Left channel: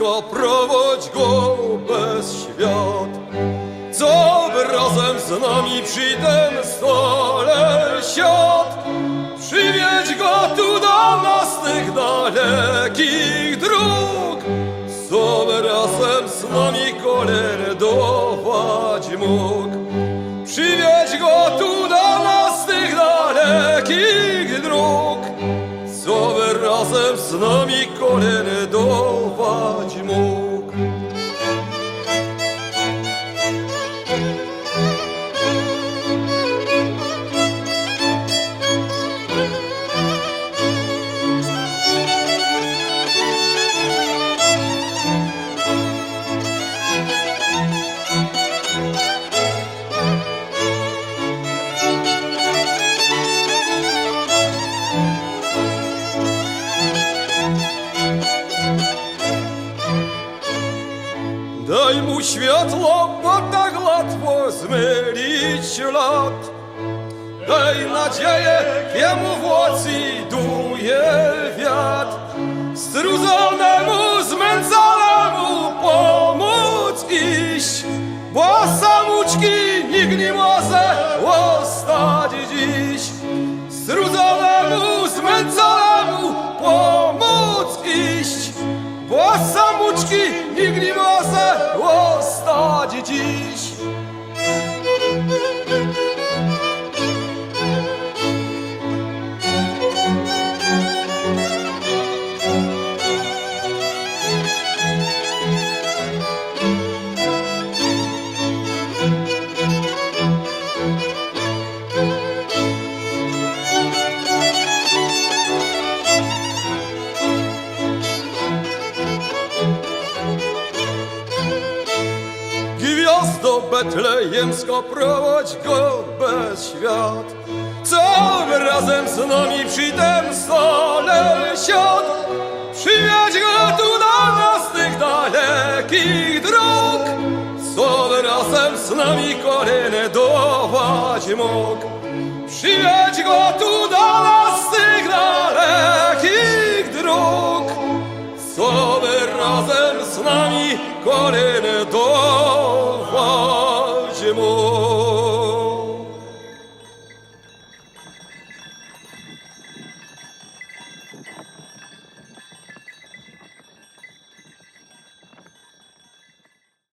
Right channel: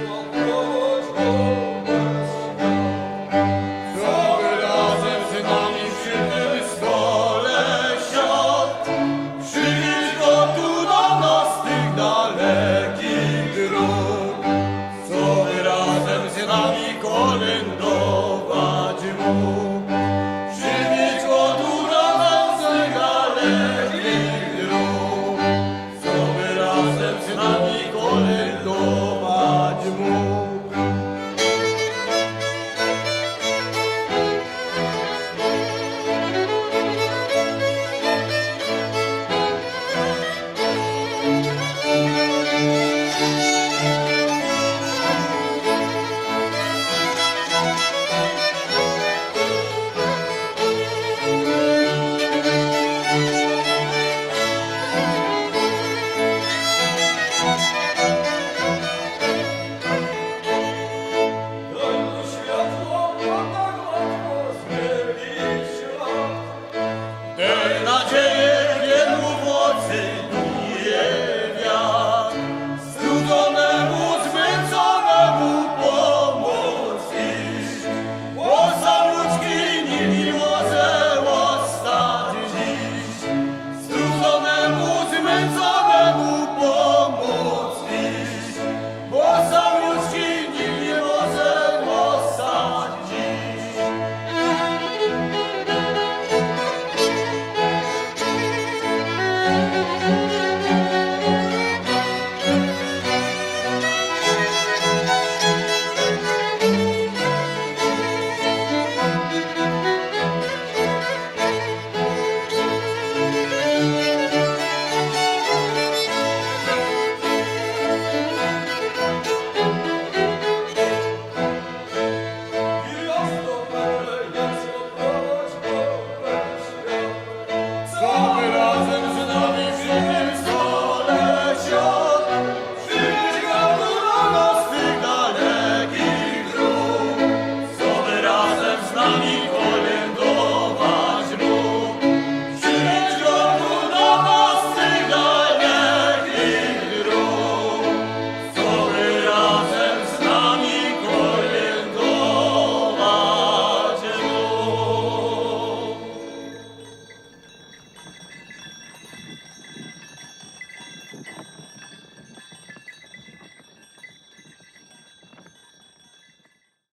Хто проводь Бог. światło, bo tak łatwo zmylić lot. Daj nadzieję, jemu w łocy duje wiatr. Strudzonemu, zmęconemu pomóc iść, bo samuczki nikt nie może. ласкопроводь.